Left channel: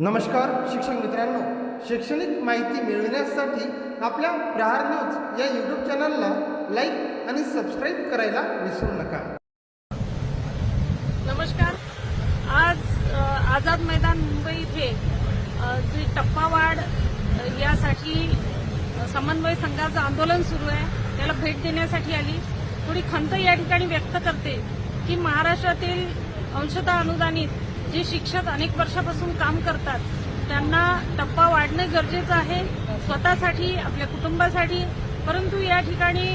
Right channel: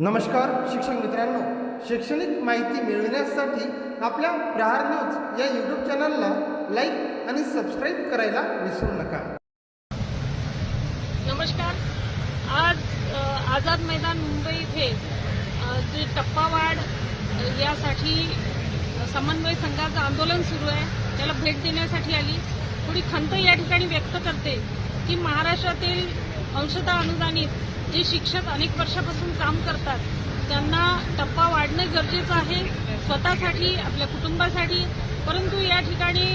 नमस्कार शिक्षक मित्रांनो. शैक्षणिक माहिती मिळविण्यासाठी आपल्या प्रहार न्यूज या यूट्यूब चॅनलला लाईक आणि सबस्क्राईब करायला विसरू नका. नमस्कार. आज आझाद मैदान मुंबई इथे जी टप्पावाढ यासाठी समन्वय संघाचं आंदोलन सुरू आहे. त्याला भेट देण्यासाठी आली. थोडी खंत या ठिकाणी व्यक्त करते की महाराष्ट्रातील अंशतः अनुदानित जे शिक्षक अनेक वर्षापासून काम करतात त्यांना टप्पा वाढणं गरजेचं आहे स्वतःसाठी आपल्या कुटुंबासाठी. परंतु या ठिकाणी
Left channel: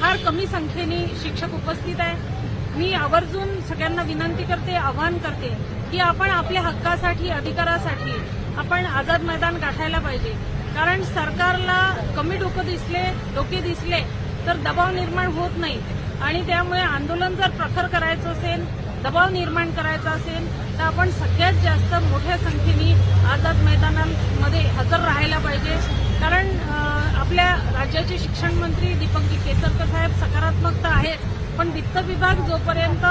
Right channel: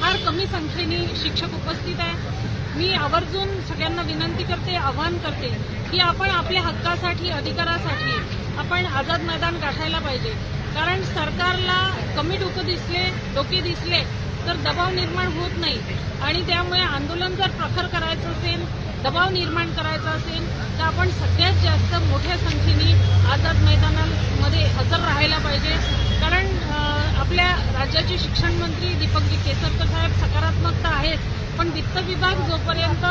फार कमी संख्येने शिक्षक उपस्थित आहे. मी आवर्जून सगळ्यांना विनंती करते आवाहन करते की आपण आपल्या हक्कासाठी अधिकारासाठी आपण आझाद मैदान गाठायला पाहिजे. कारण सरकारला कमी डोकं दिसले डोके दिसले तर दबाव निर्माण होत नाही. आणि त्यामुळे आंदोलन जर प्रखर करायचं असेल दबाव निर्माण करायचा असेल तर आपण सगळ्यात जास्त मोठ्या संख्येने आझाद मैदानामध्ये हजर राहायला पाहिजे. कारण आपल्या राज्याचे शिक्षण मंत्री दीपकजी केसरकर साहेब सकारात्मकता आहेच पण वित्त विभाग जोपर्यंत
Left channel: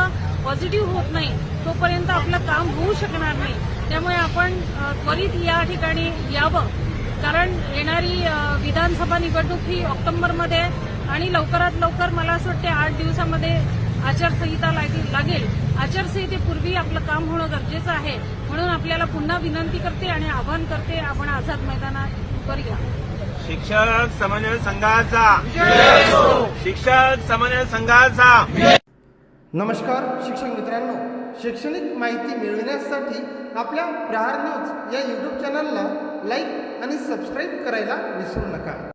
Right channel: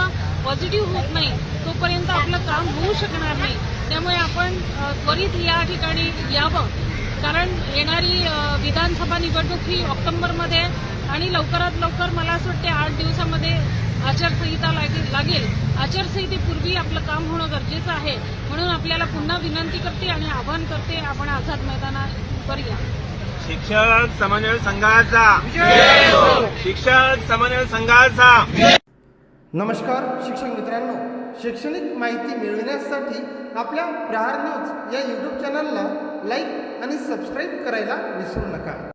पॉझिटिव्ह होत नाही तोपर्यंत आपलं काम होऊ शकणार नाही. त्यामुळे आपण त्वरित या ठिकाणी यावं. कारण येणारी विधानसभा निवडणूक ही ऑक्टोबरमध्ये आणि लवकरात लवकर मला असं वाटते आठ दिवसामध्ये आचारसंहिता लागेल. आचारसंहितेपूर्वी आपलं काम होणं गरजेचं आहे. म्हणून आपल्याला पुन्हा विनंती करते आणि आवाहन करते आपण आझाद मैदानावर या शिक्षक समन्वय संघाचा. शिक्षक समन्वय संघाचा. नमस्कार शिक्षक मित्रांनो. शैक्षणिक माहिती मिळविण्यासाठी आपल्या प्रहार न्यूज या यूट्यूब चॅनलला लाईक आणि सबस्क्राईब करायला विसरू नका.